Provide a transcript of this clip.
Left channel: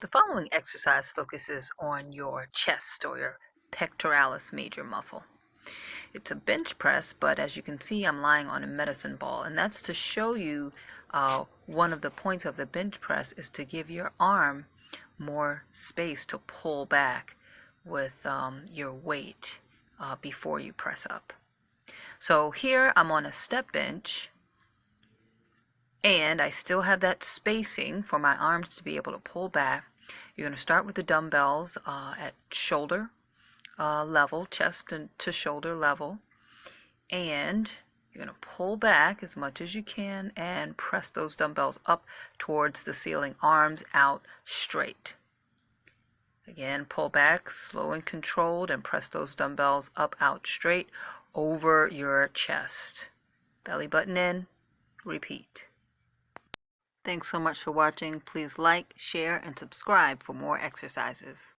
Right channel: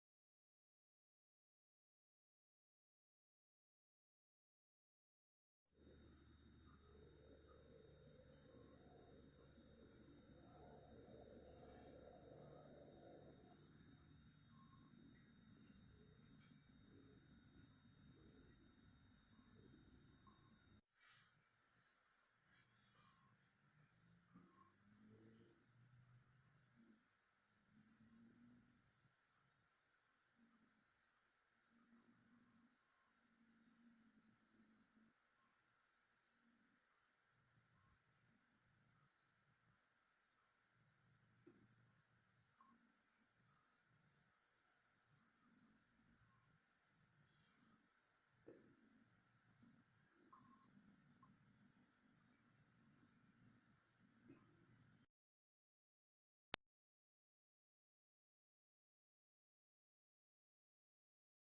The following exercise focuses on your chest or your pectoralis major muscle. It's a bench press, but as you can see, I'm lying on a medicine ball, and that's to show you one of the points of the bench press is to give your arm more space to pull back with your weight before you press up. So here I'm on a step bench, and I still have that spacing for my arms to be able to pull back. You're going to start with the dumbbells at shoulder level, chest to shoulder level, and you're going to pull back as much as you can and press those dumbbells up towards the ceiling, arms out straight. Again, pull back, slow and controlled, and press those dumbbells up, out straight over your chest. Belly button in, repeat. Thanks so much for watching. Please like, share, and subscribe for more exercises.